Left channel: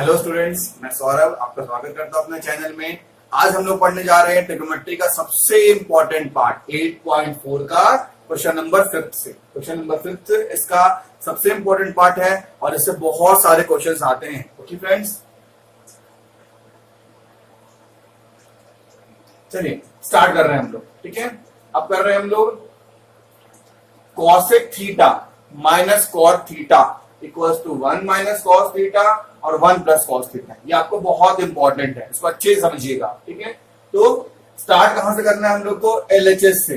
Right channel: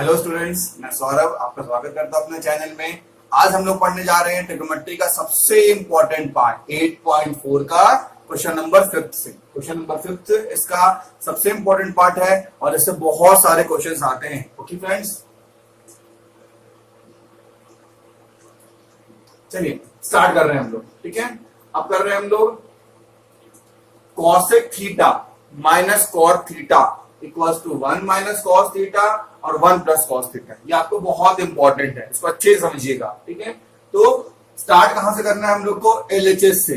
Hello students, मैं सौरभ आपका स्वागत करता हूं अपने चैनल में। आज हम लोग पढ़ने जा रहे हैं ट्रिग्नोमेट्री का सबसे इंपॉर्टेंट पार्ट 8.4 का क्वेश्चन नंबर 5 से। क्वेश्चन नंबर 5 इसका सबसे इंपॉर्टेंट पार्ट है और इससे बहुत सारे क्वेश्चंस आते हैं। ओके फ्रेंड्स, चलिए स्टार्ट कर रहे हैं हम लोग। ठीक है, अब कर रहे हैं हम लोग cosec theta minus cot theta equals to 1 minus cos theta और 1 प्लस कॉस थीटा। ये आपको बहुत इंपॉर्टेंट है, इसको अच्छे से समझिएगा। ठीक है, तो स्टार्ट कहां से करना है हम लोग को? एलएचएस से।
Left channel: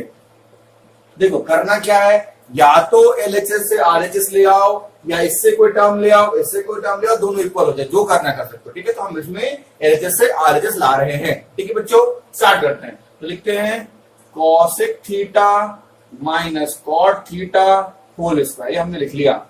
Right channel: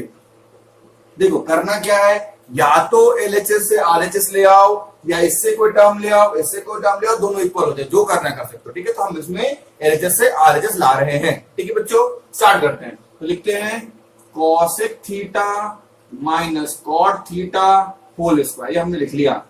देखो करना क्या है, या तो एलएचएस से आरएचएस ले आओ या इससे कोई टर्म ले आओ, इससे कोई टर्म ले आओ, दोनों इक्वल हो जाए, जो करना कर सकते हो। ठीक है, तो हम इसमें एलएचएस से आरएचएस ला रहे हैं। ठीक है बच्चों, स्टार्ट करते हैं। तो लिखते हैं cosec theta minus cot theta whole square, ये हमने लिख लिया।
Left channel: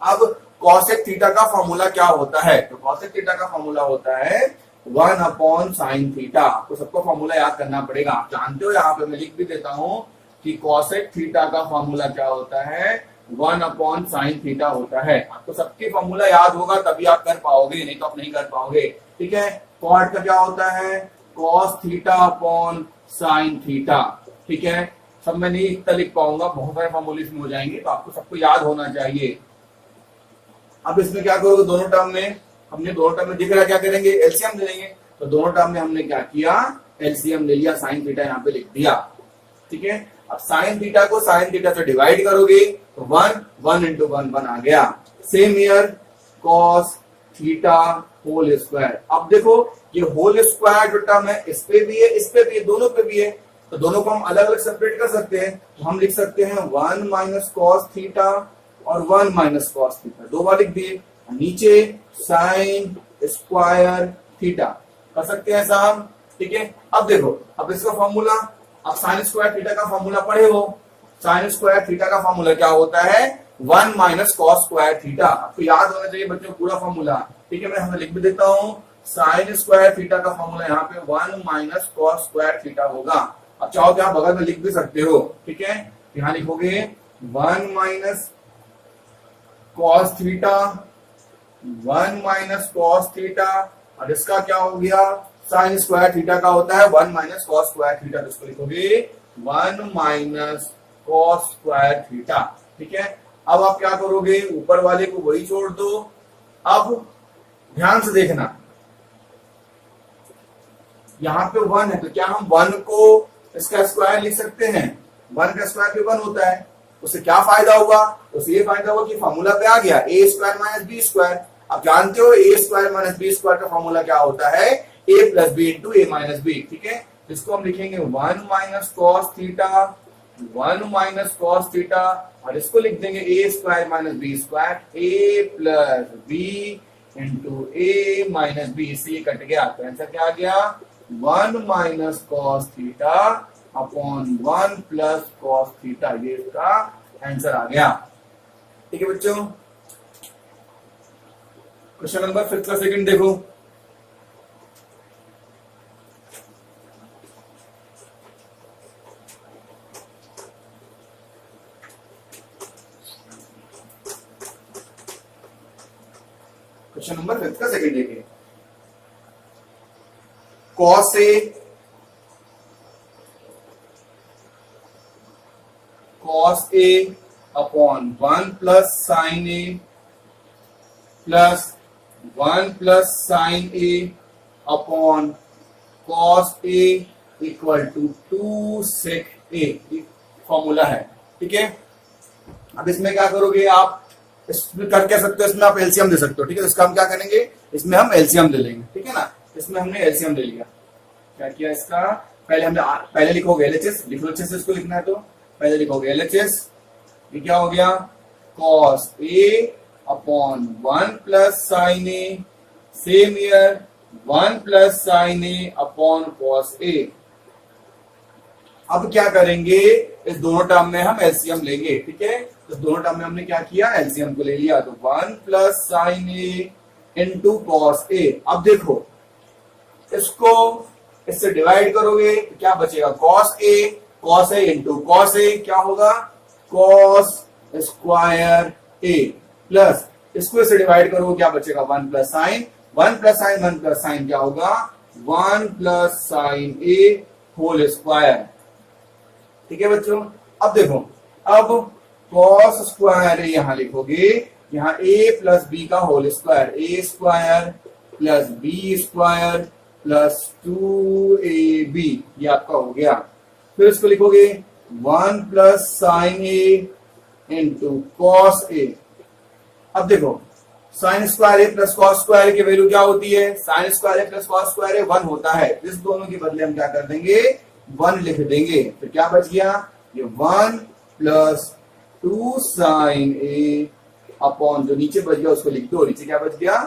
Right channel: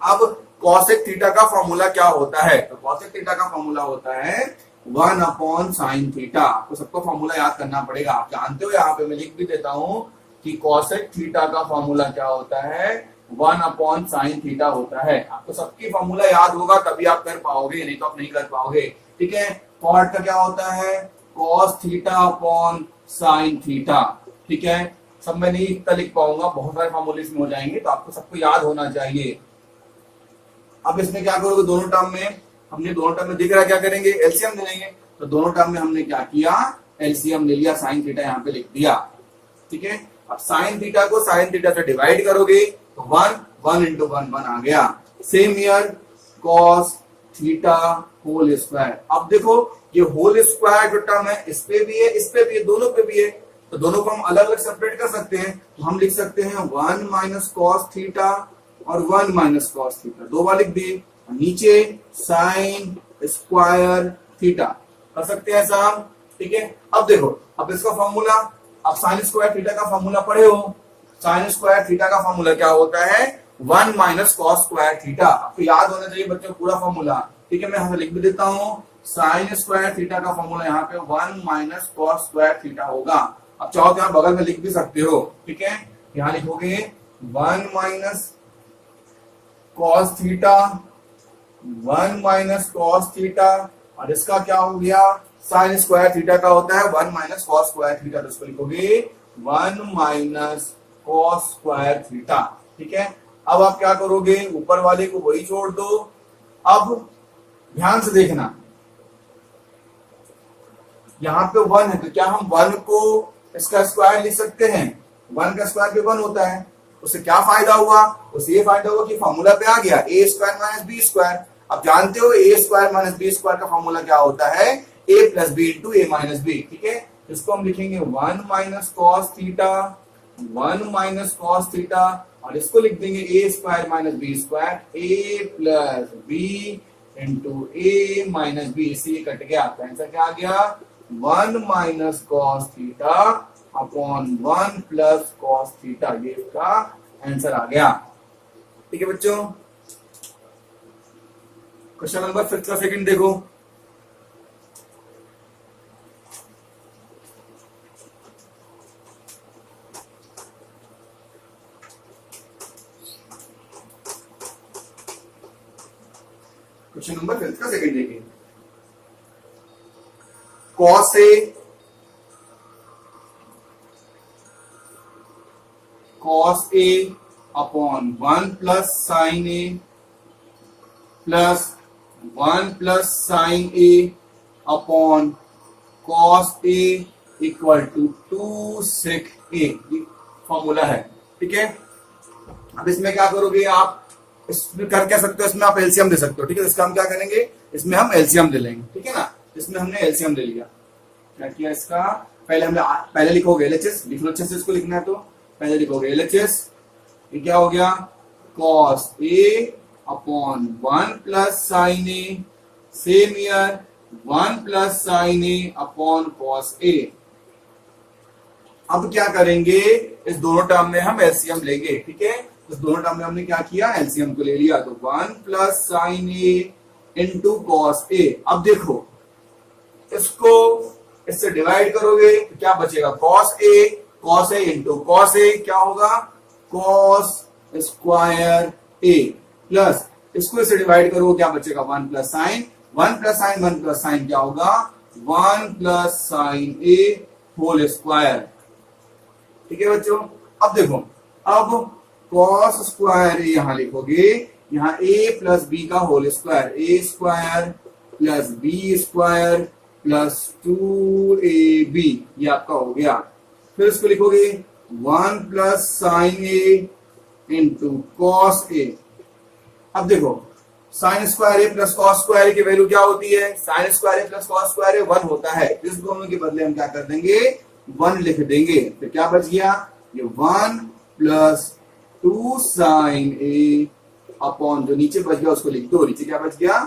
अब कॉसेक थीटा का फॉर्मूला क्या होता है? तो कॉसेक थीटा का फॉर्मूला होता है 1 अपॉन साइन थीटा। आपको सबको फॉर्मूला याद करना पड़ेगा, आप जानते हो। यहाँ पे मैं लिख भी देता हूं कि कॉसेक थीटा का फॉर्मूला क्या होता है? 1 अपॉन साइन थीटा होता है। आपको सबकी फॉर्मूला याद होगा तभी आप कर पाओगे, नहीं तो आप नहीं कर पाओगे। ठीक है, कॉट का क्या होता है? Cos theta upon sine theta. ठीक है, सब मैं नहीं इतना लिख पाऊंगा, बहुत सारे फॉर्मूले इसमें हो जाएंगे, तो आपको सबको याद होना चाहिए। अब इसमें क्या करोगे, दोनों टर्म में हमने दोनों टर्म में दिख रहा क्या करेंगे? एलसीएम ले लेंगे। तो दोनों टर्म में हमने क्या किया? एलसीएम ले लिया, साइन थीटा यहाँ पे लिख दिया। ठीक है, अब साइन थीटा को साइन थीटा से डिवाइड करोगे तो 1 इंटू 1 आ गया। Same here cos theta whole square. अब देखो ये होल स्क्वायर जो टर्म है, इस पे भी है, इस पे भी है, दोनों पे भी है, तो दोनों को हम अलग अलग सेपरेट कर सकते हैं। तो हम लिख सकते हैं 1 माइनस कॉस थीटा और 1 माइनस कॉस थीटा, दो बार लिख दिए। नीचे साइन स्क्वायर थीटा कर सकते हैं ऐसा हम। ठीक है, अब देखो, अब इसका फॉर्मूला, अब साइन स्क्वायर थीटा का फॉर्मूला पढ़े हो। साइन स्क्वायर थीटा का फॉर्मूला क्या होता है? 1 माइनस कॉस स्क्वायर थीटा। आपको याद होना चाहिए बच्चों पूरा फॉर्मूला। ठीक है, मैं यहाँ लिख भी देता हूँ। साइन स्क्वायर थीटा का फॉर्मूला यहाँ पे 1 माइनस कॉस स्क्वायर थीटा होगा। अब चाहो तो आप बगल में लिख भी सकते हो। ठीक है, यहाँ लिखोगे 1 minus cos theta, 1 minus cos theta, और इसका क्या हो गया? साइन स्क्वायर थीटा का होता है 1 माइनस कॉस स्क्वायर थीटा, तो इसको लिखोगे 1 माइनस कॉस स्क्वायर थीटा। ठीक है, अब आप क्या करोगे? ऊपर वाले को वही छोड़ दो। अब ध्यान से देखना, यहां पे 1 है, तो क्या हम 1 को इसका स्क्वायर लिख सकते हैं? 1 का स्क्वायर भी 1 होता है। उससे क्या फायदा हुआ? उससे ये फायदा हुआ कि फॉर्मूला पे आ गया A square minus B square. आप जानते हो A square minus B square का फॉर्मूला क्या होता है? A plus B into A minus B. ठीक है, इसको हम लिखेंगे 1 minus cos theta, 1 minus cos theta, और इसको लिख देंगे ए square minus B square, A plus B into A minus B. इससे ये कट गया, तो आंसर क्या आ गया? 1 minus cos theta upon 1 plus cos theta, ये इसका आंसर आ गया। ठीक है बच्चों, क्वेश्चन नंबर 5 का सेकंड देखो। क्वेश्चन नंबर 5 का सेकंड देखिए। Cos A cos a upon 1 plus sine A plus 1 plus sine A upon cos A equal to 2 sec A, formula है। ठीक है, अब इसमें क्या करोगे आप? इसमें कर क्या सकते हो? इसमें आप एलसीएम दे सकते हो। ठीक है, इसका हम क्या करेंगे? इसमें हम एलसीएम ले लेंगे। ठीक है ना, इसमें हमने एलसीएम ले लिया। क्या किया इसका? पहले लिखोगे एलएचएस, लिख लो अच्छे से, इसको लिखना है तो पहले लिखोगे एलएचएस। ये क्या हो गया? Cos A upon 1 plus sine A, same year 1 plus sine A upon cos A. अब क्या करेंगे? इस दोनों टर्म में हम एलसीएम लेंगे। ठीक है, इस दोनों टर्म में हमने क्या किया? एलसीएम को ले लिया, तो 1 plus sine A into cos A. अब देखो इसको इससे डिवाइड करोगे तो क्या बचेगा? कॉस ए इंटू कॉस ए क्या होगा? कॉस स्क्वायर ए प्लस इसको इससे डिवाइड करो क्या बचेगा 1 प्लस साइन 1 प्लस साइन क्या होगा, 1 प्लस साइन ए होल स्क्वायर। ठीक है बच्चों, अब देखो, अब कॉस स्क्वायर ए यहां लिखोगे, यहां ए प्लस बी का whole square, A square plus B square plus 2ab, ये आपका हो गया। फिर इसको लिखोगे 1 plus sine A into cos A. अब देखो sine square A plus cos square A की वैल्यू क्या होती है, sine square A plus cos square A 1 होता है। इस दोनों के बदले हम क्या कर देंगे, 1 लिख देंगे। तो क्या बच गया, ये 1 प्लस 2 साइन ए अपॉन जो नीचे बच गया उसको लिख दो, नीचे क्या बच गया,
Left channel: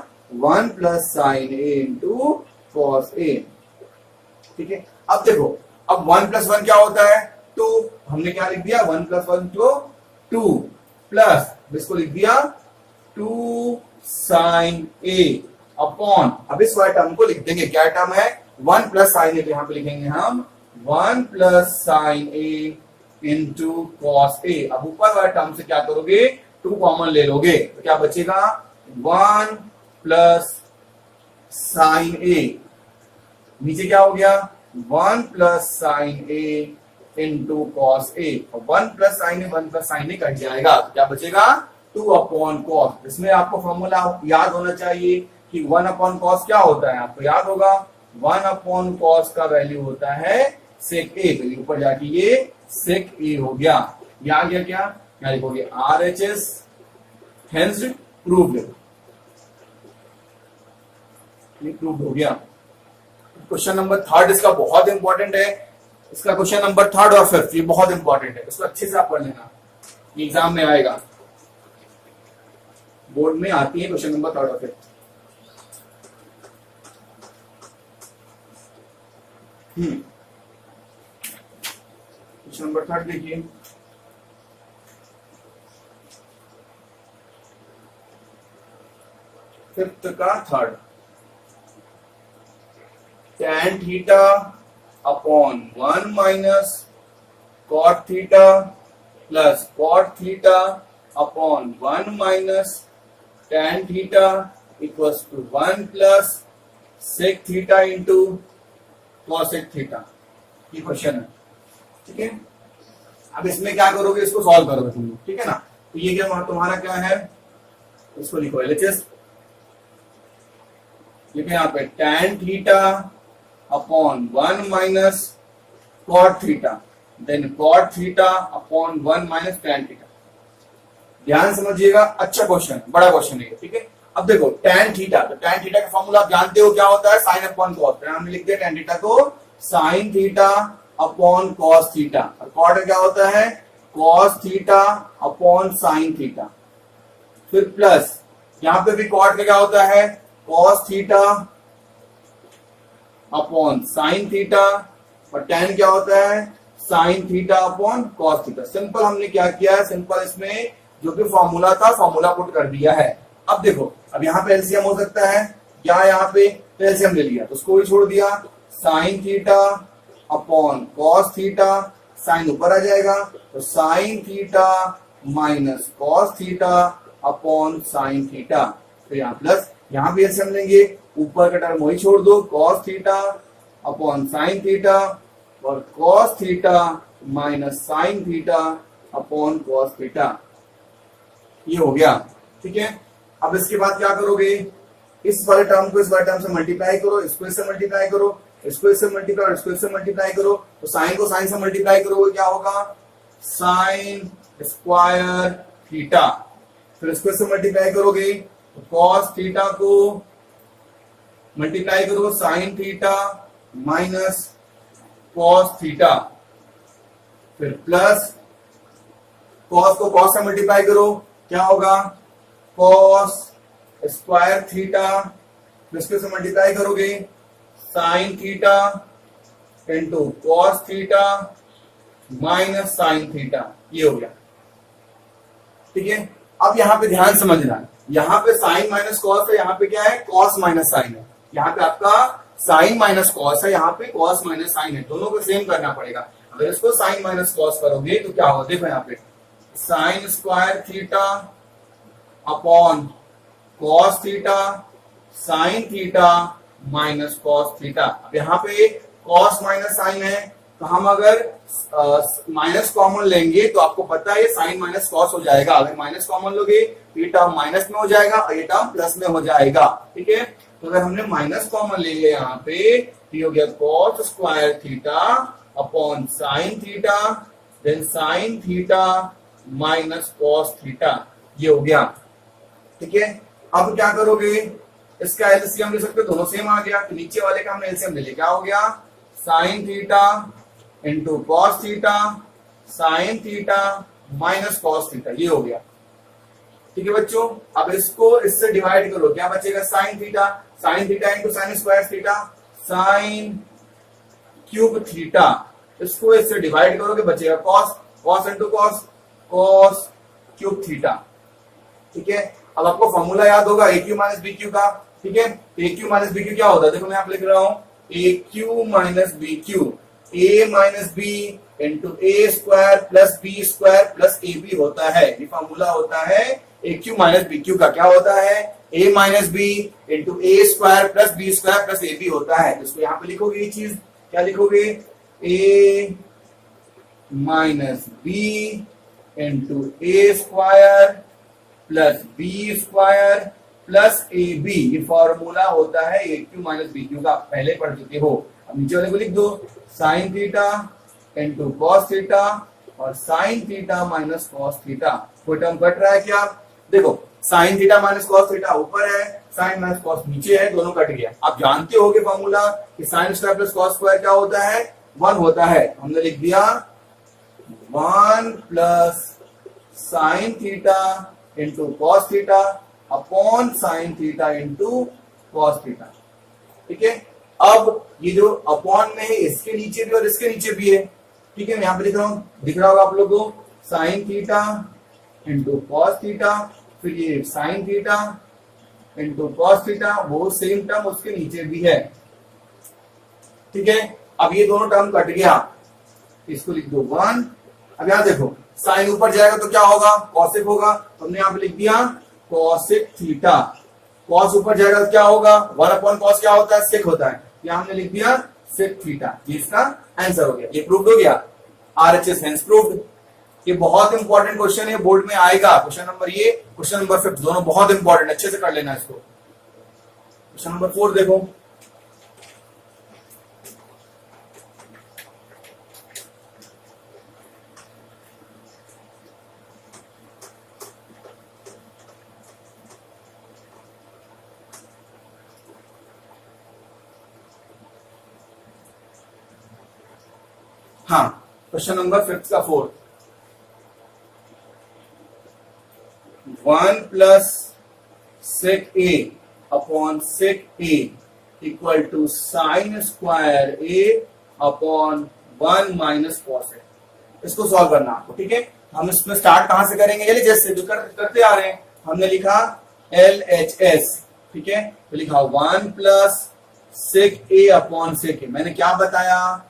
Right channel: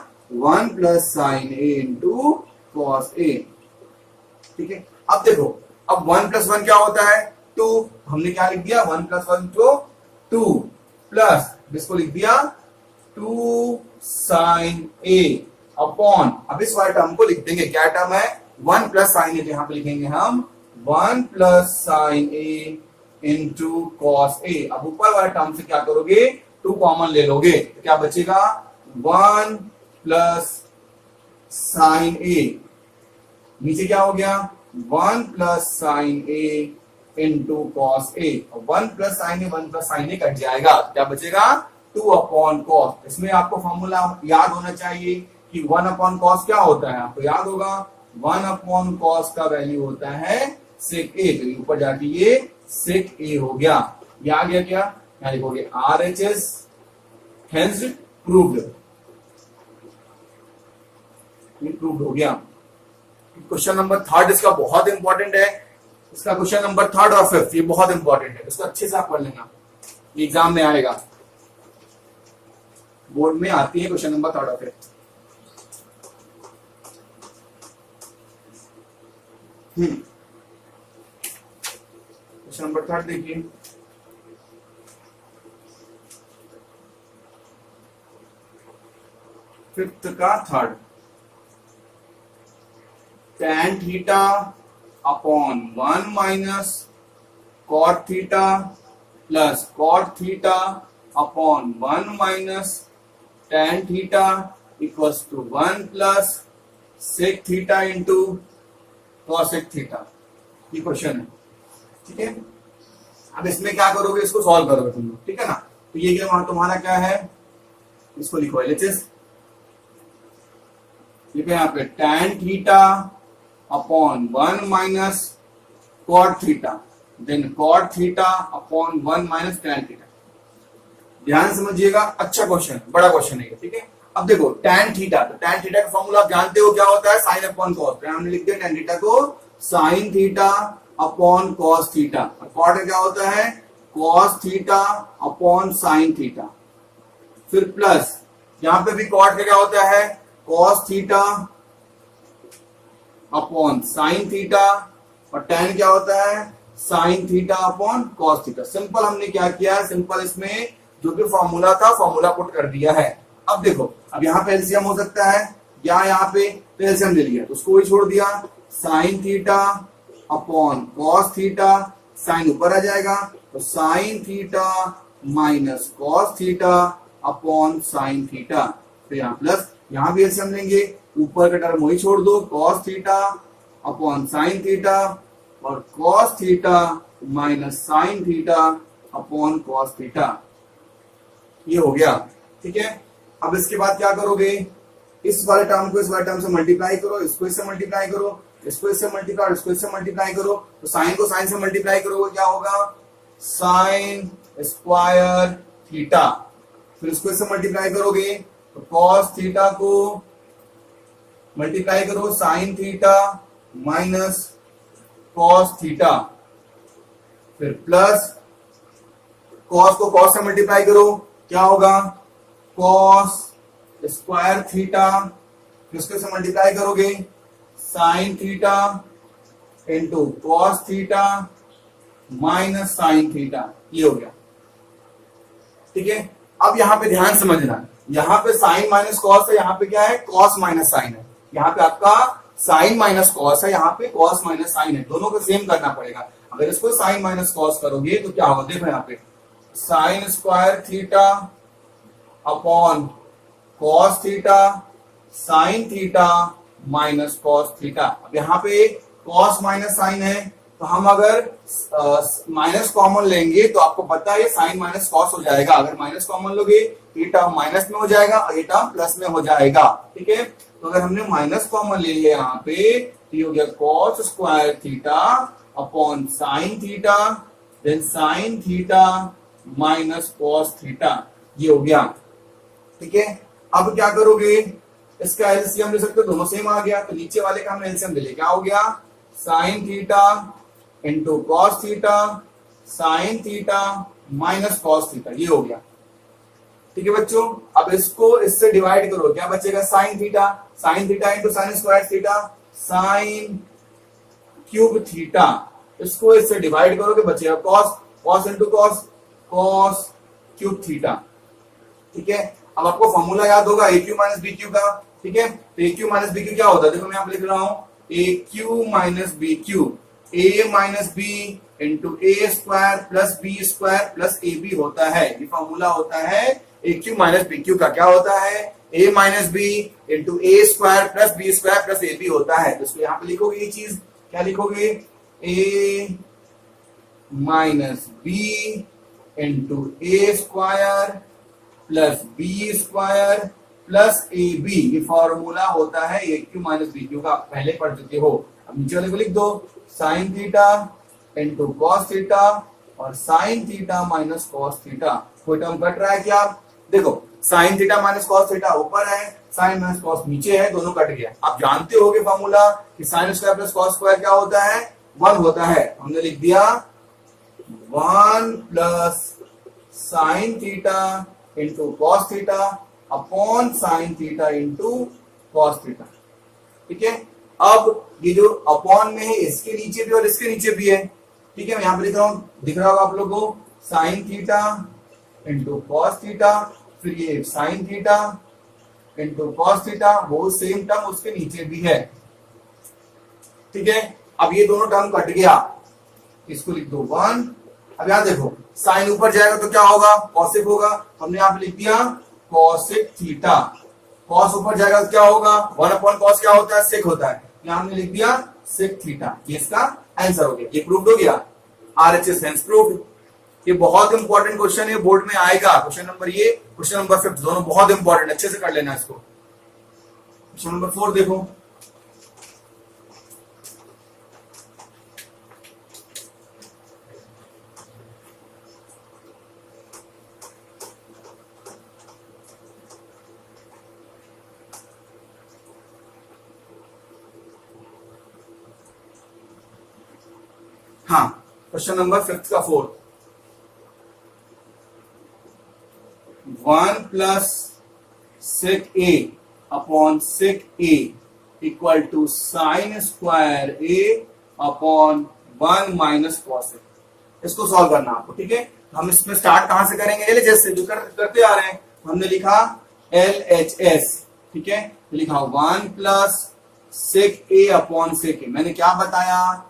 1 plus sine A into cos ए। ठीक है, अब देखो, अब 1 प्लस 1 क्या होता है, 2। हमने क्या लिख दिया, 1 प्लस 1 तो 2 प्लस इसको लिख दिया 2 साइन ए अपॉन, अब इस वाले टर्म को लिख देंगे, क्या टर्म है, 1 प्लस साइन ए, तो यहां पे लिखेंगे हम 1 plus sine A into cos A. अब ऊपर वाले टर्म से क्या करोगे, 2 कॉमन ले लोगे, तो क्या बचेगा, 1 प्लस साइन ए, नीचे क्या हो गया, 1 plus sine A into cos A. 1 plus sine A cut जाएगा, क्या बचेगा, 2 अपॉन कॉस। इसमें आपको फॉर्मूला याद होना चाहिए कि 1 अपॉन कॉस क्या होता है, आपको याद होगा, 1 अपॉन कॉस का वैल्यू होता है सेक ए, तो ऊपर जाके ये सेक ए हो गया। ये आ गया क्या, यहाँ लिखोगे RHS हेंस प्रूव्ड, प्रूव्ड हो गया। क्वेश्चन नंबर 3 इसका बहुत इंपॉर्टेंट है, इसका क्वेश्चन नंबर 3 और 5 ये बहुत इंपॉर्टेंट है, इसको अच्छे से आप पढ़ लेना, एग्जाम में आएगा, बोर्ड में आती है क्वेश्चन नंबर 3 और 5। क्वेश्चन नंबर 3 देखिए, फिफ्थ का 3rd, tan theta upon 1 minus cot theta plus cot theta upon 1 minus tan theta equals to 1 plus sec theta into cosec theta. ये क्वेश्चन है, ठीक है। अब इसमें क्या करोगे, इसको सॉल्व करोगे तुम लोग, ठीक है ना। तो ये क्या तुम्हारा क्या है, इसको लिखो LHS, लिखो यहाँ पे tan theta upon 1 minus cot theta, then cot theta upon 1 minus tan theta. ध्यान समझिएगा, अच्छा क्वेश्चन, बड़ा क्वेश्चन है, ठीक है। अब देखो tan थीटा, तो tan थीटा का फॉर्मूला आप जानते हो क्या होता है, साइन अपॉन कॉस। हमने लिख दिया tan थीटा को sine theta upon cos theta, और cot क्या होता है, cos theta upon sine theta. फिर प्लस यहां पे भी cot क्या होता है, cos theta upon sine theta, और tan क्या होता है, sign theta upon cos theta. Simple हमने क्या किया है, सिंपल इसमें जो भी फॉर्मूला था फॉर्मूला पुट कर दिया है। अब देखो, अब यहाँ पे एलसीएम हो सकता है, या यहाँ पे एलसीएम ले लिया तो उसको ही छोड़ दिया, sine theta upon cos theta, sine ऊपर आ जाएगा तो sine theta minus cos theta upon sine theta. तो यहाँ प्लस, यहाँ भी एलसीएम लेंगे, ऊपर का टर्म वही छोड़ दो, cos theta upon sine theta, और cos theta minus sine theta upon cos theta. ये हो गया, ठीक है। अब इसके बाद क्या करोगे, इस वाले टर्म को इस वाले टर्म से मल्टीप्लाई करो, इसको इससे मल्टीप्लाई करो, इसको इससे मल्टीप्लाई और इसको इससे मल्टीप्लाई करो, तो साइन को साइन से मल्टीप्लाई करोगे क्या होगा, साइन स्क्वायर थीटा। फिर इसको इससे मल्टीप्लाई करोगे तो कॉस थीटा को मल्टीप्लाई करो sign theta minus cos theta, फिर प्लस कॉस को कॉस से मल्टीप्लाई करो, क्या होगा, कॉस स्क्वायर थीटा, फिर इसको से मल्टीप्लाई करोगे sign theta into cos theta minus sine theta. ये हो गया, ठीक है। अब यहां पे ध्यान समझना, यहां पे साइन माइनस कॉस है, यहां पे क्या है, कॉस माइनस साइन है। यहां पे आपका साइन माइनस कॉस है, यहां पे कॉस माइनस साइन है, दोनों को सेम करना पड़ेगा। अगर इसको साइन माइनस कॉस करोगे तो क्या होगा, देखो यहाँ पे sine square theta upon cos theta sign theta minus cos theta. अब यहाँ पे कॉस माइनस साइन है, तो हम अगर माइनस कॉमन लेंगे तो आपको पता है ये साइन माइनस कॉस हो जाएगा। अगर माइनस कॉमन लोगे तो ये टर्म माइनस में हो जाएगा और ये टर्म प्लस में हो जाएगा। ठीक है, तो अगर हमने माइनस कॉमन ले लिया यहाँ पे तो ये हो गया cos square theta upon sine theta, then sine theta minus cos theta, ये हो गया। ठीक है, अब क्या करोगे, इसका एलसीएम ले सकते हो, दोनों सेम आ गया, तो नीचे वाले का हमने एलसीएम ले लिया, क्या हो गया sign theta into cos theta, sign theta minus cos theta, ये हो गया। ठीक है बच्चों, अब इसको इससे डिवाइड करो, क्या बचेगा sign theta into sine square theta, sign cube theta, इसको इससे डिवाइड करोगे बचेगा cos into cos cube theta. ठीक है, अब आपको फॉर्मूला याद होगा ए क्यू माइनस बी क्यू का। ठीक है, तो ए क्यू माइनस बी क्यू क्या होता है, देखो मैं यहाँ पे लिख रहा हूं A cube minus B cube, A minus B into A square plus B square plus A B होता है। ये फॉर्मूला होता है A cube minus B cube का, क्या होता है A minus B into A square plus B square plus A B होता है। तो इसको यहाँ पे लिखोगे ये चीज, क्या लिखोगे A minus B into A square plus B square plus A B, ये फॉर्मूला होता है A cube minus B cube का, पहले पढ़ चुके हो। अब नीचे वाले को लिख दो sine theta into cos theta और sine theta minus cos theta. कोई टर्म कट रहा है क्या, देखो sine theta minus cos theta ऊपर है, साइन माइनस कॉस नीचे है, दोनों कट गया। आप जानते होगे फॉर्मूला कि sine square plus cos square क्या होता है 1 होता है, हमने लिख दिया 1 plus sign theta into cos theta upon sine theta into cos theta. ठीक है, अब ये जो अपॉन में है इसके नीचे भी और इसके नीचे भी है। ठीक है, मैं यहां पे लिख रहा हूं, दिख रहा होगा आप लोगों को sine theta into cos theta, फिर ये sine theta into cos theta, वो सेम टर्म उसके नीचे भी है। ठीक है, अब ये दोनों टर्म कट गया, इसको लिख दो 1। अब यहां देखो साइन ऊपर जाएगा तो क्या होगा कॉसेक होगा, तो हमने यहां पे लिख दिया कॉसेक थीटा, कॉस ऊपर जाएगा तो क्या होगा 1 अपॉन कॉस क्या होता है सेक होता है, यहां हमने लिख दिया सेक थीटा। ये इसका आंसर हो गया, ये प्रूव्ड हो गया, आरएचएस हेंस प्रूव्ड। ये बहुत इंपॉर्टेंट क्वेश्चन है, बोर्ड में आएगा क्वेश्चन नंबर ये, क्वेश्चन नंबर 5 दोनों बहुत इंपॉर्टेंट, अच्छे से कर लेना इसको। क्वेश्चन नंबर 4 देखो, हाँ क्वेश्चन नंबर 5 का 4, 1 plus sec A upon sec A equal to sine square A upon 1 minus cos A. इसको सॉल्व करना आपको। ठीक है, हम इसमें स्टार्ट कहां से करेंगे, एल एच एस से, जो करते आ रहे हैं। हमने लिखा एल एच एस। ठीक है, तो लिखा 1 plus sec A upon sec ए। मैंने क्या बताया,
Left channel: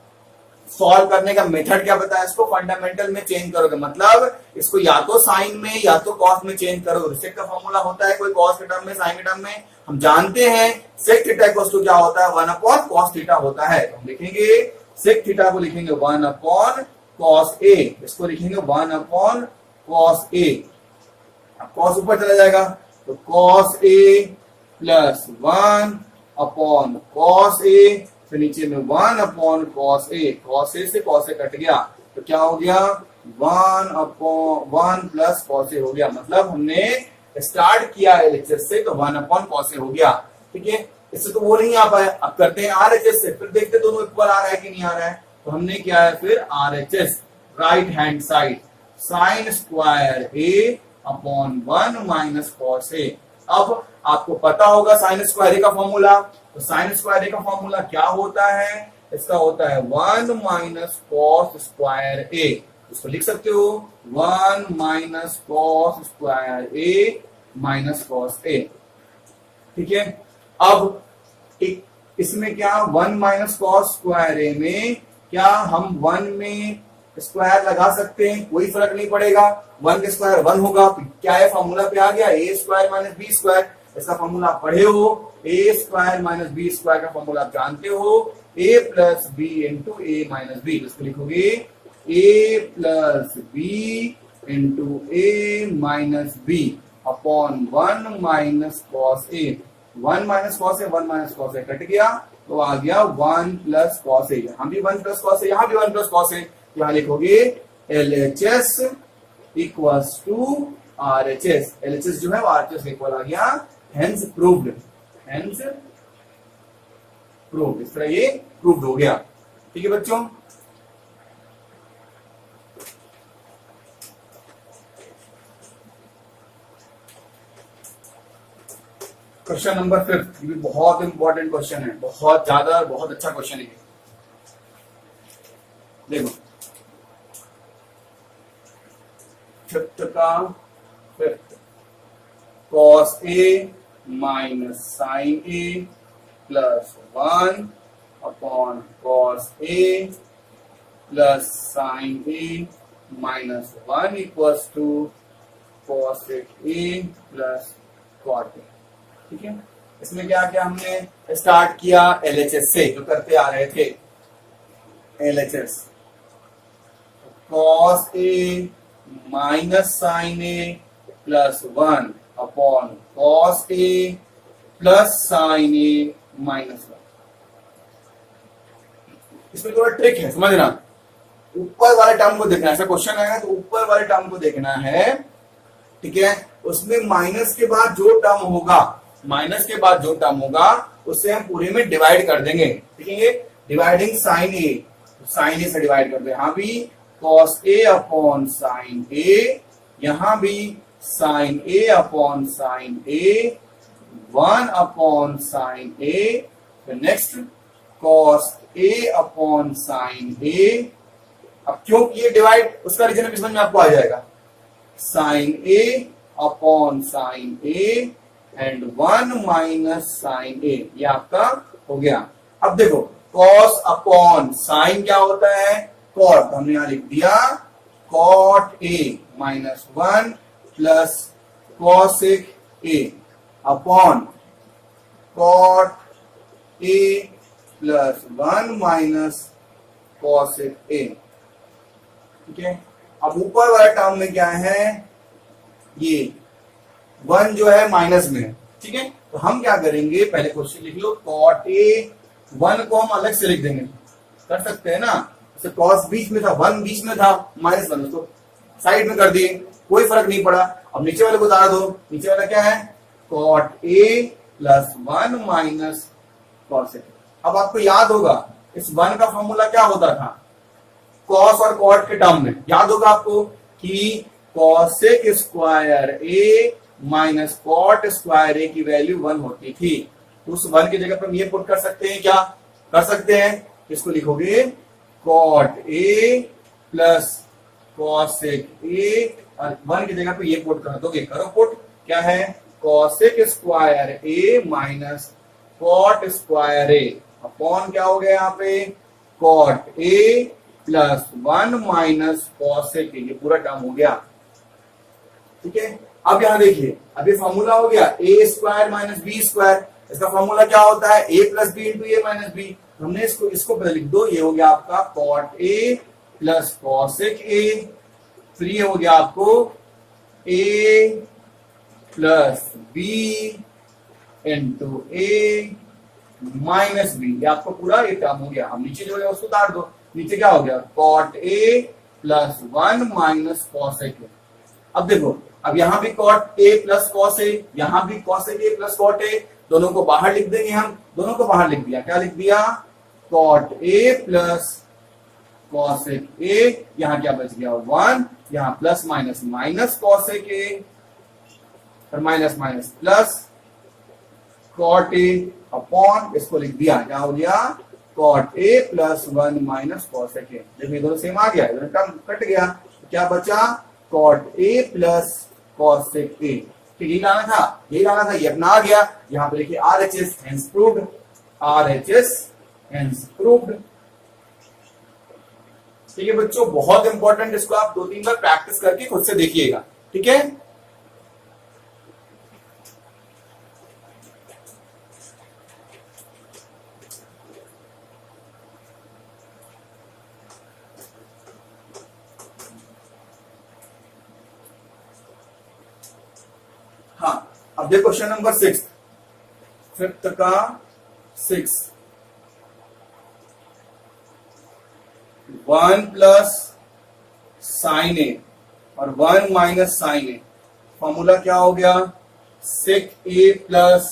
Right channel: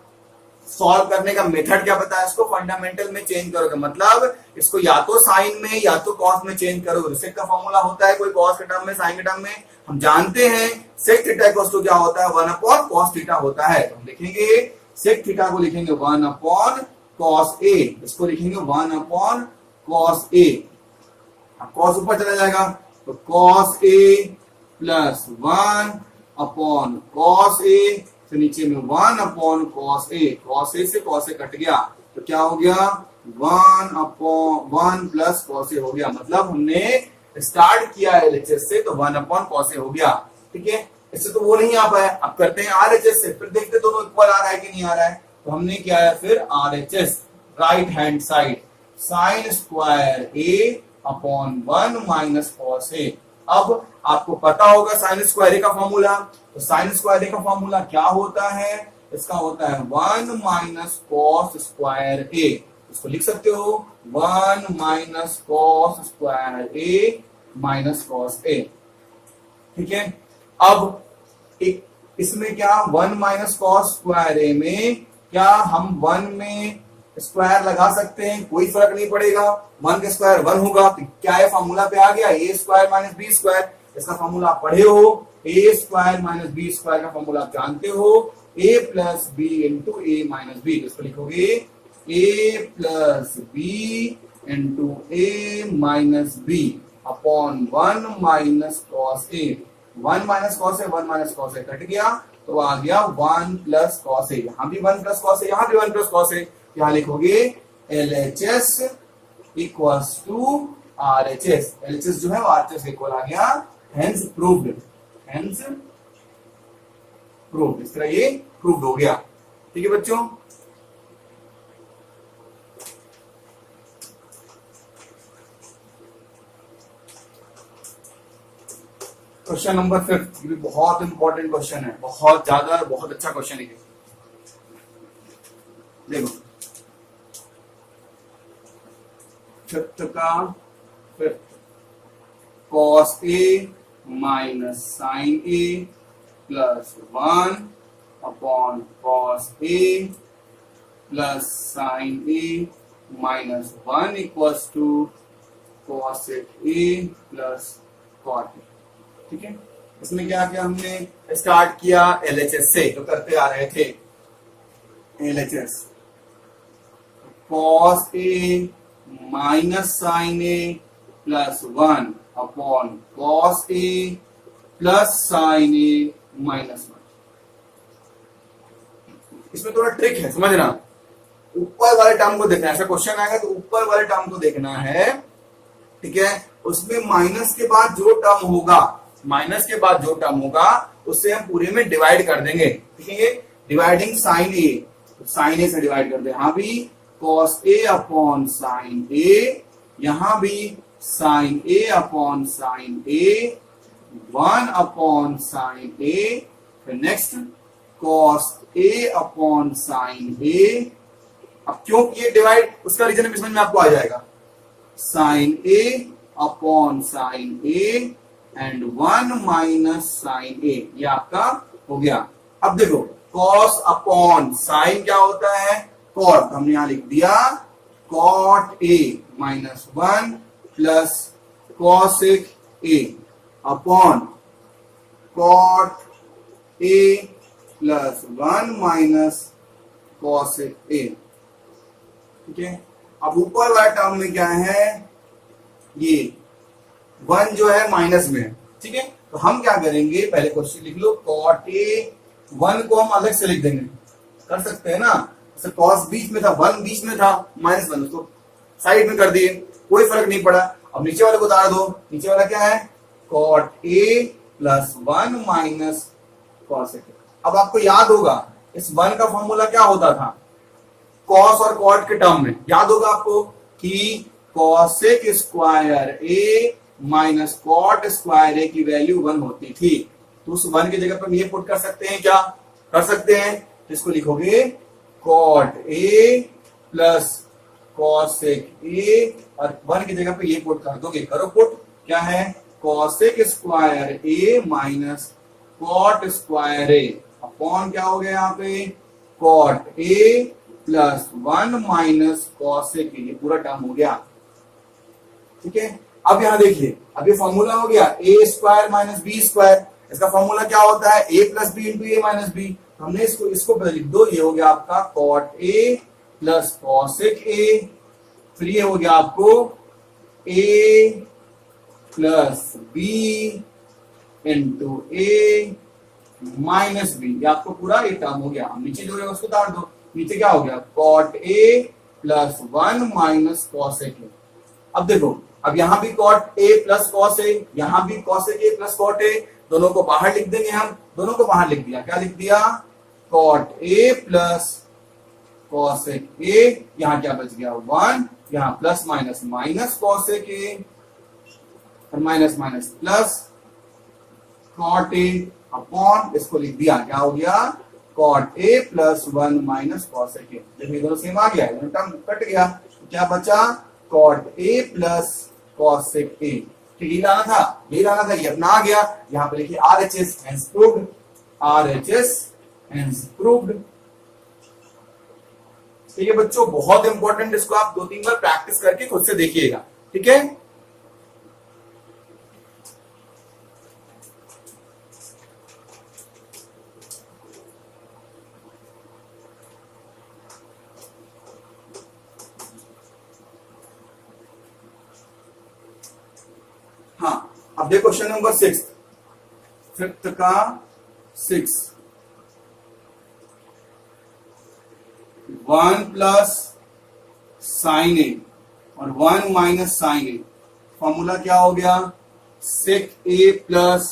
सॉल्व करने का मेथड क्या बताया, इसको फंडामेंटल में चेंज करोगे, मतलब इसको या तो साइन में या तो कॉस में चेंज करोगे। सेक का फॉर्मूला होता है कोई कॉस के टर्म में साइन के टर्म में, हम जानते हैं सेक थीटा इक्वल टू क्या होता है 1 अपॉन कॉस थीटा होता है। तो हम लिखेंगे सेक थीटा को लिखेंगे 1 अपॉन कॉस ए, इसको लिखेंगे 1 अपॉन कॉस ए। अब कॉस ऊपर चला जाएगा तो cos A plus 1 upon cos ए, फिर नीचे में 1 अपॉन कॉस ए से कॉस ए कट गया तो क्या हो गया 1 अपॉन 1 प्लस कॉस ए हो गया। मतलब हमने स्टार्ट किया एलएचएस से तो 1 अपॉन कॉस ए हो गया। ठीक है, इससे तो वो नहीं आ पाया, अब करते हैं आरएचएस से, फिर देखते दोनों इक्वल आ रहा है कि नहीं आ रहा है। तो हमने क्या है फिर RHS, right hand side sine square A upon 1 minus cos A. अब आपको पता होगा साइन स्क्वायर ए का फॉर्मूला, तो साइन स्क्वायर ए का फॉर्मूला क्या होता है, इसका होता है 1 माइनस कॉस स्क्वायर ए। इसको लिख सकते हो 1 minus cos square A minus cos ए। ठीक है, अब एक इसमें क्या 1 माइनस कॉस स्क्वायर ए में क्या हम 1 में स्क्वायर लगा सकते हैं, कोई फर्क नहीं पड़ेगा, 1 के स्क्वायर 1 होगा, तो क्या है फॉर्मूला पे आ गया A square minus B square. इसका फॉर्मूला आप पढ़े हो, A square minus B square का फॉर्मूला आप जानते हो, A plus B into A minus B. इसको लिखोगे A plus B into A minus B upon 1 minus cos A. 1 minus cos A, 1 minus cos A cut गया तो आ गया 1 plus cos A. यहां भी 1 प्लस कॉस ए, यहां भी 1 plus cos A. यहां लिखोगे LHS equals to RHS। LHS जो है वो RHS इक्वल आ गया, हेंस प्रूव्ड। हेंस प्रूव्ड, इस तरह ये प्रूव्ड हो गया। ठीक है बच्चों, क्वेश्चन नंबर 5, ये भी बहुत इंपॉर्टेंट क्वेश्चन है, बहुत ज्यादा, बहुत अच्छा क्वेश्चन है। देखो fifth cos A minus sine A plus 1 upon cos A plus sine A minus 1 equals to cosec A plus cot A. ठीक है, इसमें क्या किया हमने, स्टार्ट किया LHS से, जो करते आ रहे थे। LHS cos A minus sine A plus 1 upon cos A plus sine A minus 1। इसमें थोड़ा ट्रिक है, समझना। ऊपर वाले टर्म को देखना है, ऐसा क्वेश्चन आएगा तो ऊपर वाले टर्म को देखना है। ठीक है, उसमें माइनस के बाद जो टर्म होगा, माइनस के बाद जो टर्म होगा उससे हम पूरे में डिवाइड कर देंगे। ठीक है, ये डिवाइडिंग साइन ए, तो साइन ए से डिवाइड कर दे। यहां भी कॉस ए अपॉन साइन ए, यहां भी sign A upon sine A, 1 upon sine ए, फिर next cos A upon sine ए। अब क्यों ये डिवाइड, उसका रीजन भी समझ में आपको आ जाएगा। Sine A upon sine A and 1 minus sine A, ये आपका हो गया। अब देखो कॉस अपॉन साइन क्या होता है, कॉट, तो हमने यहां लिख दिया cot A minus 1 plus cosec A upon cot A plus 1 minus cosec A. ठीक है, अब ऊपर वाला टर्म में क्या है, ये 1 जो है माइनस में। ठीक है, तो हम क्या करेंगे, पहले क्वेश्चन लिख लो, कॉट ए 1 को हम अलग से लिख देंगे, कर सकते हैं ना। जैसे कॉस बीच में था, 1 बीच में था, माइनस 1 तो साइड में कर दिए, कोई फर्क नहीं पड़ा। अब नीचे वाले को उतार दो, नीचे वाला क्या है, cot A plus 1 minus cos A. अब आपको याद होगा इस 1 का फॉर्मूला क्या होता था, कॉस और कॉट के टर्म में, याद होगा आपको कि cosec square A minus cot square A की वैल्यू 1 होती थी। तो उस 1 की जगह पर हम ये पुट कर सकते हैं, क्या कर सकते हैं, तो इसको लिखोगे cot A plus cosec A, और 1 की जगह पे ये पुट कर दोगे, करो पुट, क्या है, cosec square A minus cot square A upon क्या हो गया यहाँ पे, cot A plus 1 minus cosec A, ये पूरा टर्म हो गया। ठीक है, अब यहां देखिए, अब ये फॉर्मूला हो गया A square minus B square. इसका फॉर्मूला क्या होता है, A plus B into A minus B. हमने इसको पहले लिख दो, ये हो गया आपका cot A plus cosec A, फिर ये हो गया आपको A plus B into A minus B, ये आपको पूरा ये टर्म हो गया। अब नीचे जो है उसको उतार दो, नीचे क्या हो गया, cot A plus 1 minus cosec A. अब देखो, अब यहां भी cot A plus cos A, यहां भी cosec A plus cot A, दोनों को बाहर लिख देंगे हम, दोनों को बाहर लिख दिया, क्या लिख दिया, cot A plus cosec A, यहां क्या बच गया 1, यहां plus minus minus cosec A, और minus minus plus cot A upon, इसको लिख दिया, क्या हो गया, cot A plus 1 minus cosec A. देखिए दोनों सेम आ गया, दोनों टर्म कट गया, तो क्या बचा, cot A plus cosec A. तो यही लाना था, यही लाना था, ये अपना आ गया। यहां पे लिखिए RHS hence proved, RHS hence proved. ठीक है बच्चों, बहुत इंपॉर्टेंट, इसको आप 2-3 बार प्रैक्टिस करके खुद से देखिएगा। ठीक है, अब देखो क्वेश्चन नंबर 6, फिफ्थ का 6, 1 प्लस साइन ए और 1 माइनस साइन ए, फॉर्मूला क्या हो गया, सेक ए प्लस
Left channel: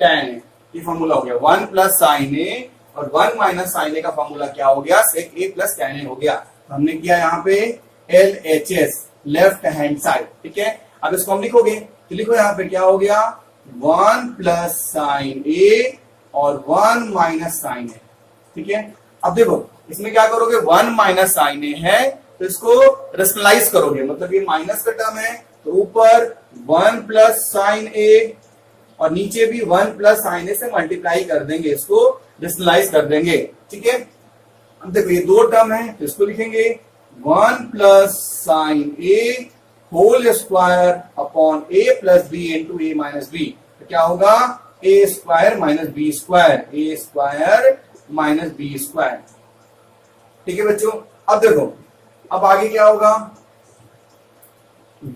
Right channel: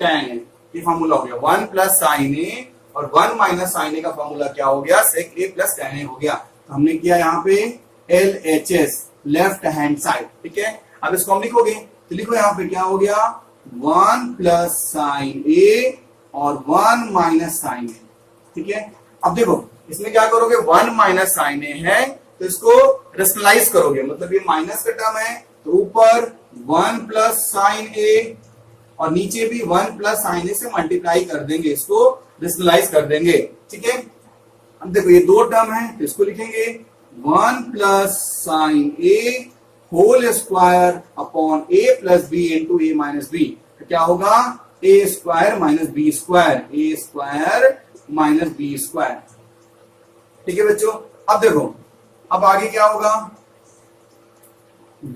tan ए, ये फॉर्मूला हो गया। 1 प्लस साइन ए और 1 माइनस साइन ए का फॉर्मूला क्या हो गया, सेक ए प्लस tan ए हो गया। तो हमने किया यहाँ पे LHS, लेफ्ट हैंड साइड, ठीक है। अब इसको हम लिखोगे तो लिखो यहाँ पे क्या हो गया, 1 प्लस साइन ए और 1 माइनस साइन ए, ठीक है। अब देखो इसमें क्या करोगे, 1 माइनस साइन ए है तो इसको रेशनलाइज करोगे, मतलब ये माइनस का टर्म है तो ऊपर 1 प्लस साइन ए और नीचे भी 1 प्लस साइन ए से मल्टीप्लाई कर देंगे, इसको रेशनलाइज कर देंगे, ठीक है। अब देखो ये दो टर्म है तो इसको लिखेंगे 1 plus sine A whole square upon A plus B into A minus B, तो क्या होगा, ए square minus B square, A square minus B square, ठीक है बच्चों। अब देखो अब आगे क्या होगा,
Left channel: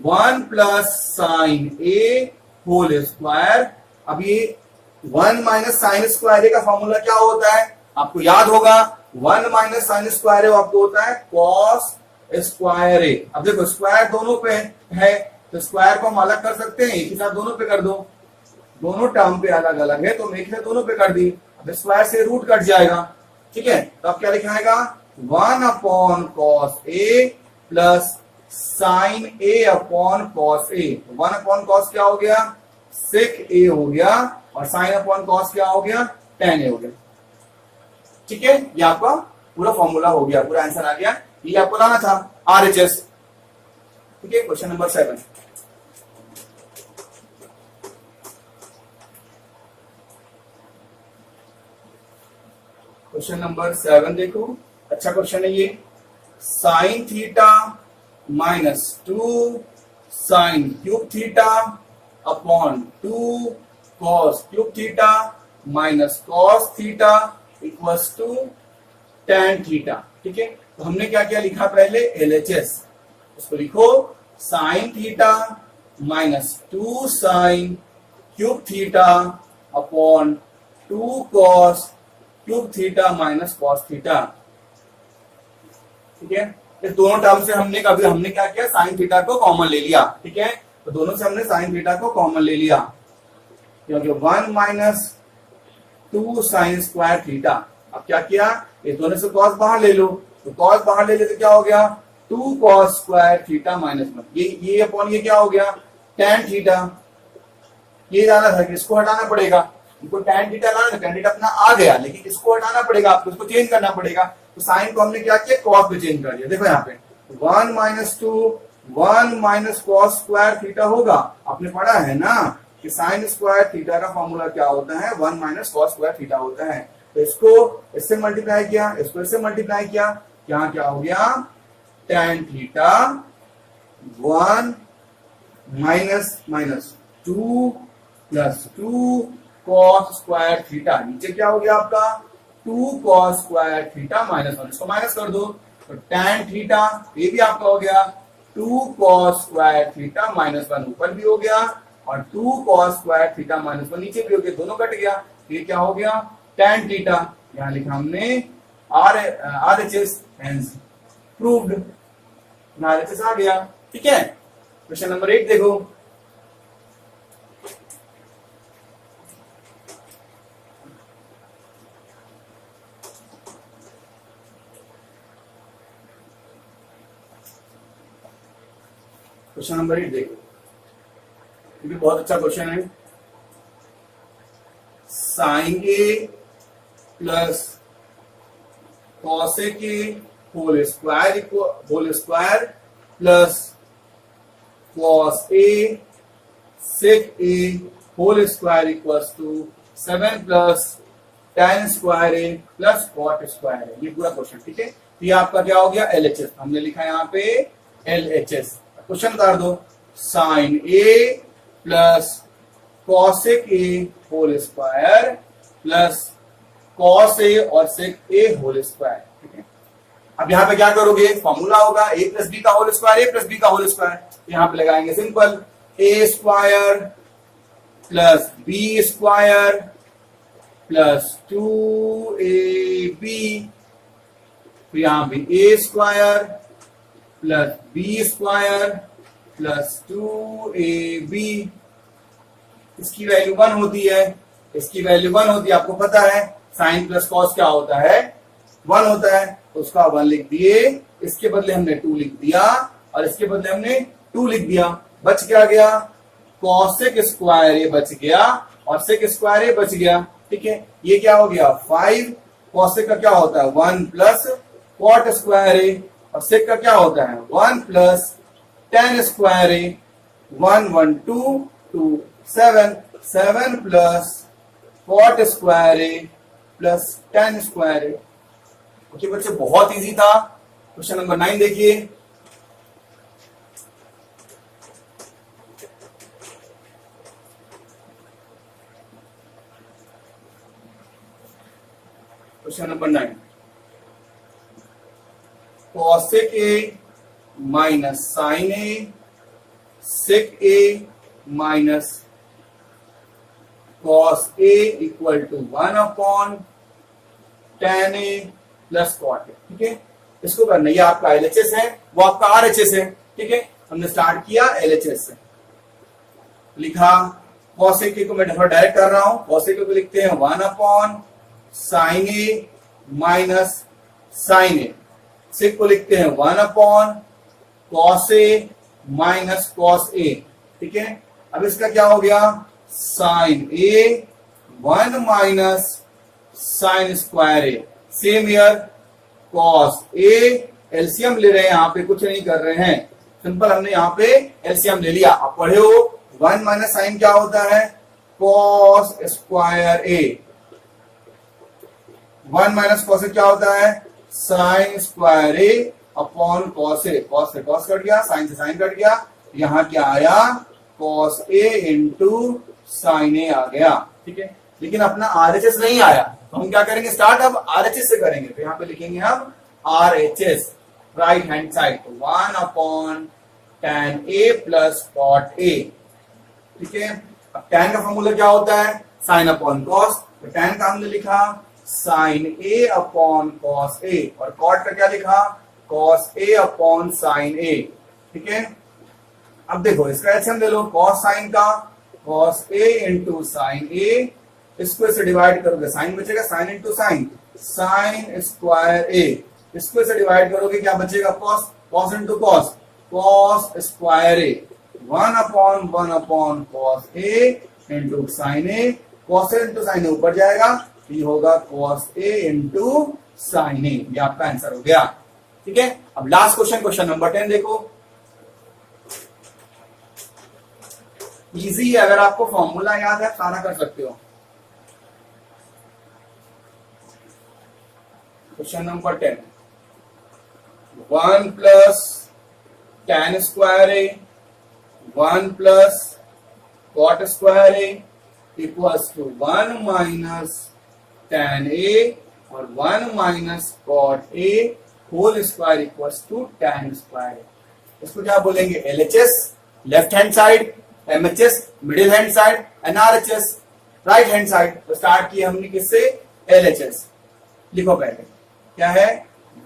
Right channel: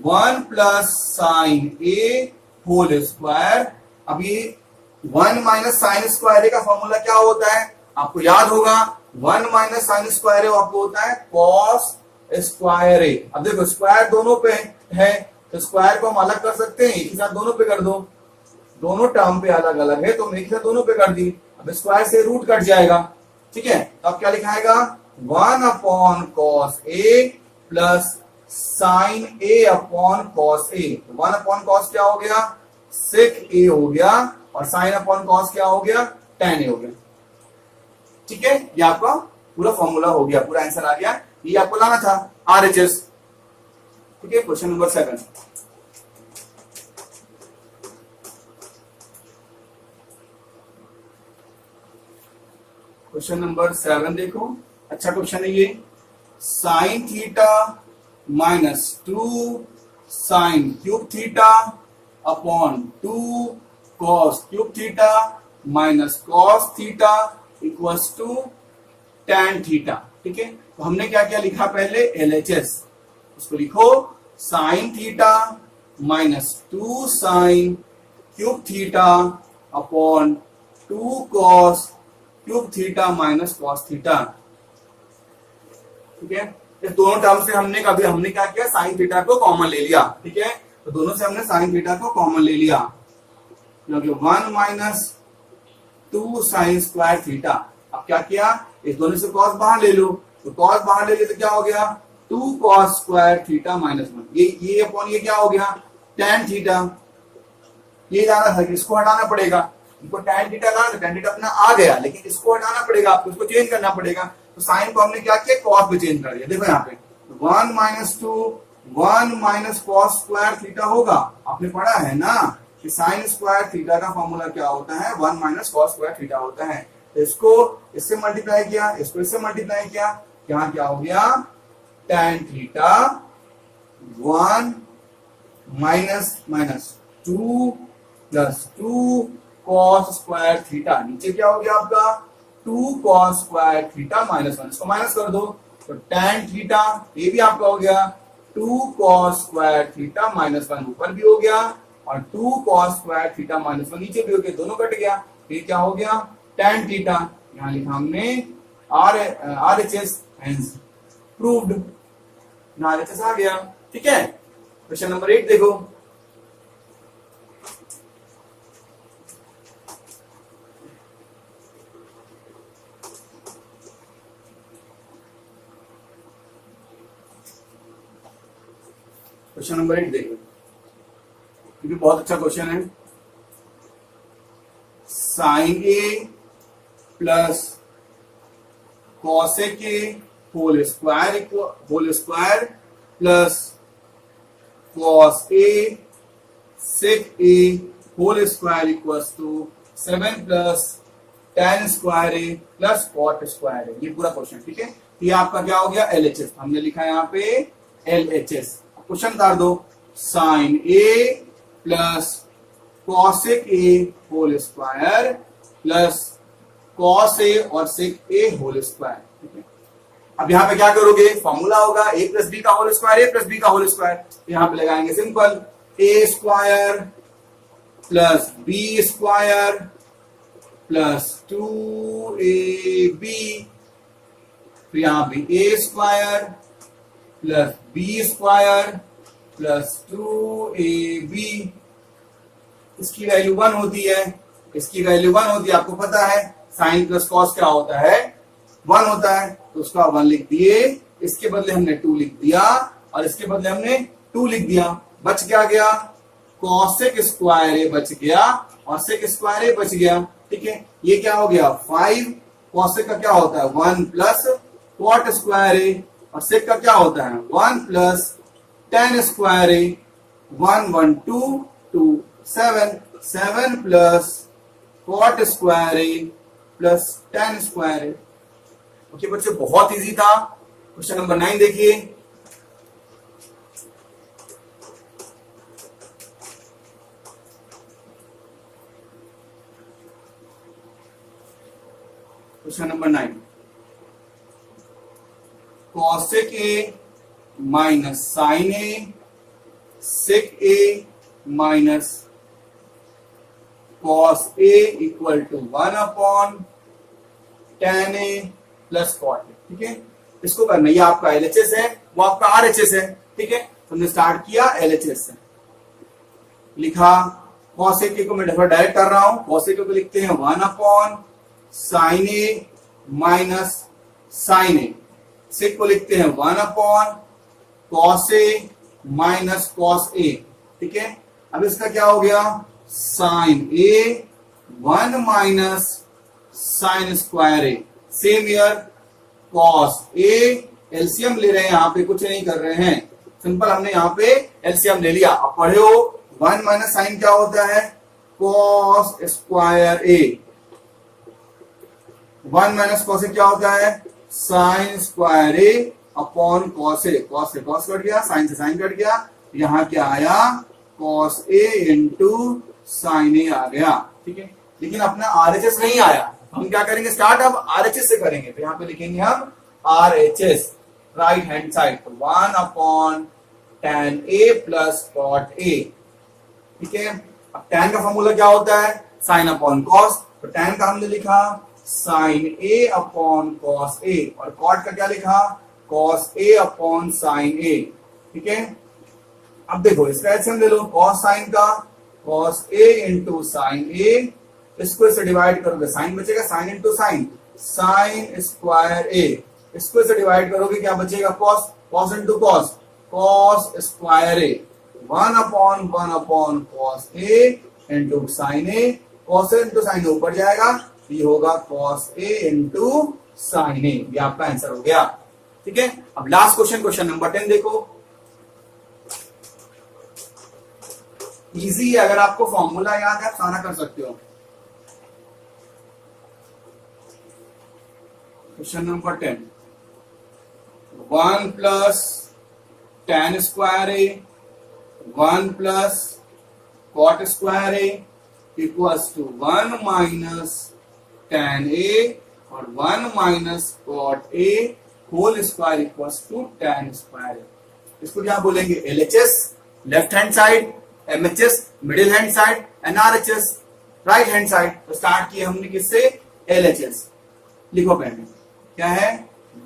1 प्लस साइन ए होल स्क्वायर, अब ये 1 माइनस साइन स्क्वायर ए का फॉर्मूला क्या होता है, आपको याद होगा, 1 माइनस साइन स्क्वायर ए आपको होता है कॉस स्क्वायर ए। अब देखो स्क्वायर दोनों पे है तो स्क्वायर को हम अलग कर सकते हैं, एक ही साथ दोनों पे कर दो, दोनों टर्म पे अलग अलग है तो मैं एक ही साथ दोनों पे कर दी, अब स्क्वायर से रूट कट जाएगा, ठीक है। तो अब क्या लिखाएगा, 1 upon cos A plus sine A upon cos A, 1 upon cos क्या हो गया, सेक ए हो गया और साइन अपॉन कॉस क्या हो गया, tan ए हो गया, ठीक है। ये आपका पूरा फॉर्मूला हो गया, पूरा आंसर आ गया, ये आपको लाना था RHS, ठीक है। क्वेश्चन नंबर 7, क्वेश्चन नंबर 7 देखो, अच्छा क्वेश्चन है ये, sine theta minus 2 sine cube theta upon 2 cos cube theta minus cos theta equals to tan theta, ठीक है। तो हमने क्या क्या लिखा पहले, LHS, उसको लिखो sign theta minus 2 sine cube theta upon 2 cos cube theta minus cos theta, ठीक है। इस दोनों टर्म से हमने क्या किया, साइन थीटा को कॉमन ले लिया, ठीक है। तो दोनों से हमने साइन थीटा को कॉमन ले लिया, क्योंकि 1 माइनस 2 साइन स्क्वायर थीटा, अब क्या किया, इस दोनों से कॉस बाहर ले लो, तो कॉस बाहर ले लेते क्या हो गया, 2 कॉस स्क्वायर थीटा माइनस 1, ये अपॉन ये क्या हो गया, tan थीटा। ये जाना था कि इसको हटाना पड़ेगा, इनको tan थीटा लाना, tan थीटा अपना आ गया, लेकिन इसको हटाना पड़ेगा आपको, इसको चेंज करना पड़ेगा। तो साइन को हमने क्या किया, कॉस पे चेंज कर दिया, देखो यहाँ पे 1 minus 2 1 minus cos square theta होगा, आपने पढ़ा है ना कि साइन स्क्वायर थीटा का फॉर्मूला क्या होता है, 1 माइनस कॉस स्क्वायर थीटा होता है। तो इसको इससे मल्टीप्लाई किया, इसको इससे मल्टीप्लाई किया, यहाँ क्या हो गया, tan theta 1 minus minus 2 plus 2 cos square theta, नीचे क्या हो गया आपका 2 कॉस स्क्वायर थीटा माइनस 1, इसको माइनस कर दो तो tan थीटा, ये भी आपका हो गया 2 कॉस स्क्वायर थीटा माइनस 1, ऊपर भी हो गया और 2 कॉस स्क्वायर थीटा माइनस 1 नीचे भी हो गया, दोनों कट गया, ये क्या हो गया tan थीटा, यहां लिखा हमने RHS हेंस प्रूव्ड, RHS आ गया, ठीक है। क्वेश्चन नंबर 8 देखो, क्वेश्चन नंबर 8 देखो, ये भी बहुत अच्छा क्वेश्चन है, sine A plus cosec A whole square plus cos A sec A whole square equals to 7 plus tan square A plus cot square A, ये पूरा क्वेश्चन, ठीक है। ये आपका क्या हो गया, LHS, हमने लिखा यहाँ पे LHS। क्वेश्चन उतार दो, sine A plus cosec A whole square plus cos A और सेक ए होल स्क्वायर, ठीक है। अब यहाँ पे क्या करोगे, फॉर्मूला होगा a प्लस बी का whole square, a plus B का होल स्क्वायर, यहाँ पे लगाएंगे simple, a square plus B square plus 2ab, फिर यहां भी A square plus B square plus 2ab। इसकी वैल्यू 1 होती है, इसकी वैल्यू 1 होती है, आपको पता है साइन प्लस कॉस क्या होता है, 1 होता है, तो उसका 1 लिख दिए, इसके बदले हमने 2 लिख दिया और इसके बदले हमने 2 लिख दिया। बच क्या गया, कॉसेक स्क्वायर ए बच गया और सेक स्क्वायर ए बच गया। ठीक है, ये क्या हो गया 5, कॉसेक का क्या होता है 1 प्लस कॉट स्क्वायर ए, और सेक का क्या होता है 1 plus tan square A, 1 1 2 2 7 7 plus cot square A plus tan square A. Okay बच्चे, बहुत इजी था। क्वेश्चन नंबर 9 देखिए। Question number 9, cosec A minus sine A, sec A minus cos A equal to 1 upon tan A plus cot A. ठीक है, इसको करना, ये आपका एलएचएस है, वो आपका आरएचएस है। ठीक है, हमने स्टार्ट किया एलएचएस से, लिखा कॉसेक ए को मैं डायरेक्ट कर रहा हूं, कॉसेक ए को लिखते हैं 1 upon sine A minus sine A, सेक को लिखते हैं 1 upon cos A minus cos ए। ठीक है, अब इसका क्या हो गया sign A 1 minus sign square A, same here cos A, LCM ले रहे हैं, यहां पे कुछ नहीं कर रहे हैं, सिंपल हमने यहां पे एलसीएम ले लिया। आप पढ़े हो 1 माइनस साइन क्या होता है cos square A, 1 minus cos क्या होता है sine square A upon cos A, cos से कॉस कट गया, साइन से साइन कट गया, यहां क्या आया कॉस ए इंटू साइन ए आ गया। ठीक है, लेकिन अपना आरएचएस नहीं आया, तो हम क्या करेंगे स्टार्ट अब आरएचएस से करेंगे, तो यहां पे लिखेंगे हम आरएचएस राइट हैंड साइड, तो 1 upon tan A plus cot A. ठीक है, अब tan का फॉर्मूला क्या होता है साइन अपॉन कॉस, तो tan का हमने लिखा sine A upon cos A, और कॉट का क्या लिखा cos A upon sine A. ठीक है, अब देखो इसका एलसीएम ले लो, कॉस साइन का cos A into sine A, इसको इसे डिवाइड करोगे साइन बचेगा, sine into sine sine square A, इसको इसे डिवाइड करोगे क्या बचेगा cos, cos into cos cos square A, 1 upon cos A into sine A, cos A into sine A ऊपर जाएगा, ये होगा cos A into sine A, ये आपका आंसर हो गया। ठीक है, अब लास्ट क्वेश्चन, क्वेश्चन नंबर 10 देखो, इजी है, अगर आपको फॉर्मूला याद है आप सारा कर सकते हो। Question number 10, 1 plus tan square A 1 plus cot square A equals to 1 minus tan A और 1 minus cot A whole square equals to tan square A. इसको क्या बोलेंगे LHS left hand side, MHS middle hand side, and RHS right hand side. तो start किया हमने किससे LHS, लिखो पहले क्या है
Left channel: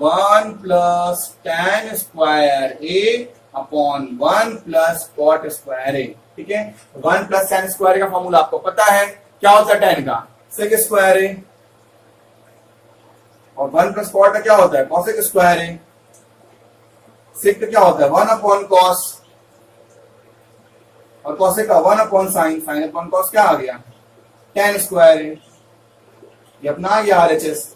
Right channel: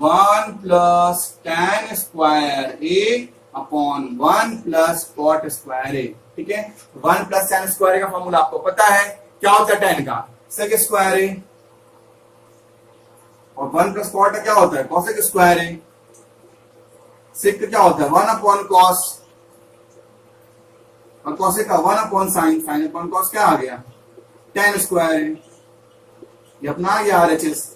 1 plus tan square A upon 1 plus cot square ए। ठीक है, 1 प्लस tan स्क्वायर का फॉर्मूला आपको पता है, क्या होता है tan का सेक स्क्वायर ए, और 1 प्लस कॉट का क्या होता है कॉसेक स्क्वायर ए, सेक का क्या होता है 1 अपॉन कॉस, और कॉसेक का 1 upon sine, sign upon cos क्या आ गया tan स्क्वायर ए। ये अपना ये आरएचएस,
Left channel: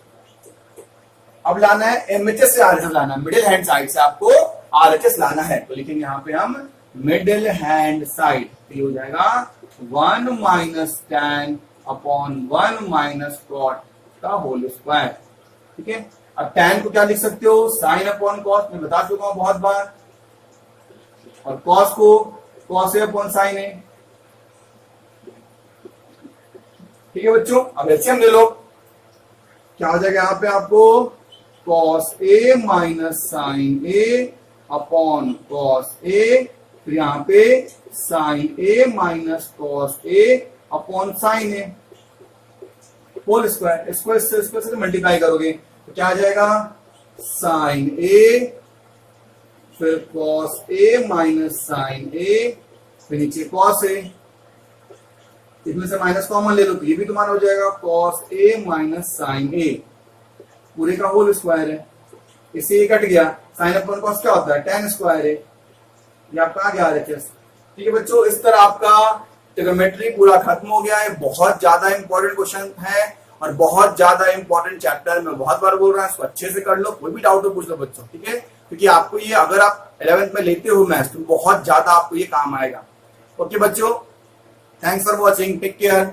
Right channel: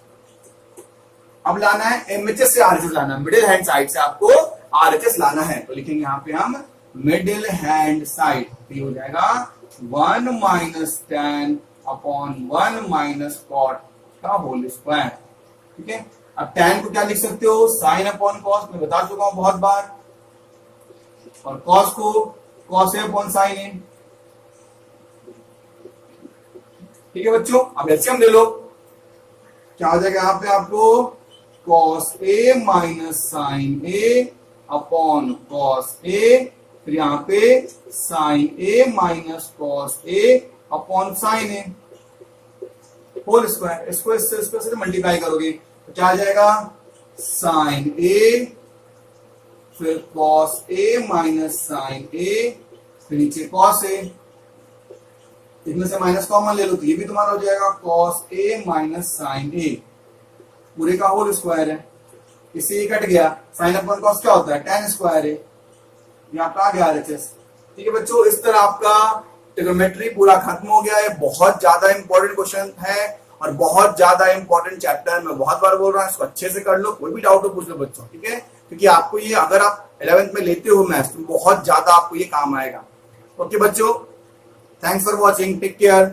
अब लाना है एमएचएस से आरएचएस लाना है, मिडिल हैंड साइड से आपको आरएचएस लाना है, तो लिखेंगे यहां पे हम मिडिल हैंड साइड, तो हो जाएगा 1 minus tan upon 1 minus cot का होल स्क्वायर। ठीक है, अब tan को क्या लिख सकते हो साइन अपॉन कॉस, मैं बता चुका हूं बहुत बार, और कॉस को cos A upon sine A. ठीक है बच्चों, अब एलसीएम ले लो, क्या हो जाएगा यहां पे आपको cos A minus sine A upon cos ए फिर यहाँ पे sign A minus cos A upon sine A whole square, square से मल्टीप्लाई करोगे तो क्या आ जाएगा, साइन ए फिर कॉस ए माइनस साइन ए फिर नीचे कॉस ए, इसमें से माइनस कॉमन ले लो तो ये भी तुम्हारा हो जाएगा कॉस ए माइनस साइन ए पूरे का होल स्क्वायर है, इससे ये कट गया, साइन अपॉन कॉस क्या होता है, tan स्क्वायर है, ये आपका आ गया RHS। ठीक है बच्चों, इस तरह आपका ट्रिग्नोमेट्री पूरा खत्म हो गया है। बहुत ज्यादा इंपॉर्टेंट क्वेश्चन है और बहुत ज्यादा इंपॉर्टेंट चैप्टर, मैं बहुत बार बोल रहा हूँ, इसको अच्छे से कर लो, कोई भी डाउट हो पूछ लो बच्चों, ठीक है, क्योंकि आपको ये अगर आप 11th में लेते हो मैथ्स तो बहुत ज्यादा आपको ये काम आएगा। ओके बच्चों, thanks for watching, take care.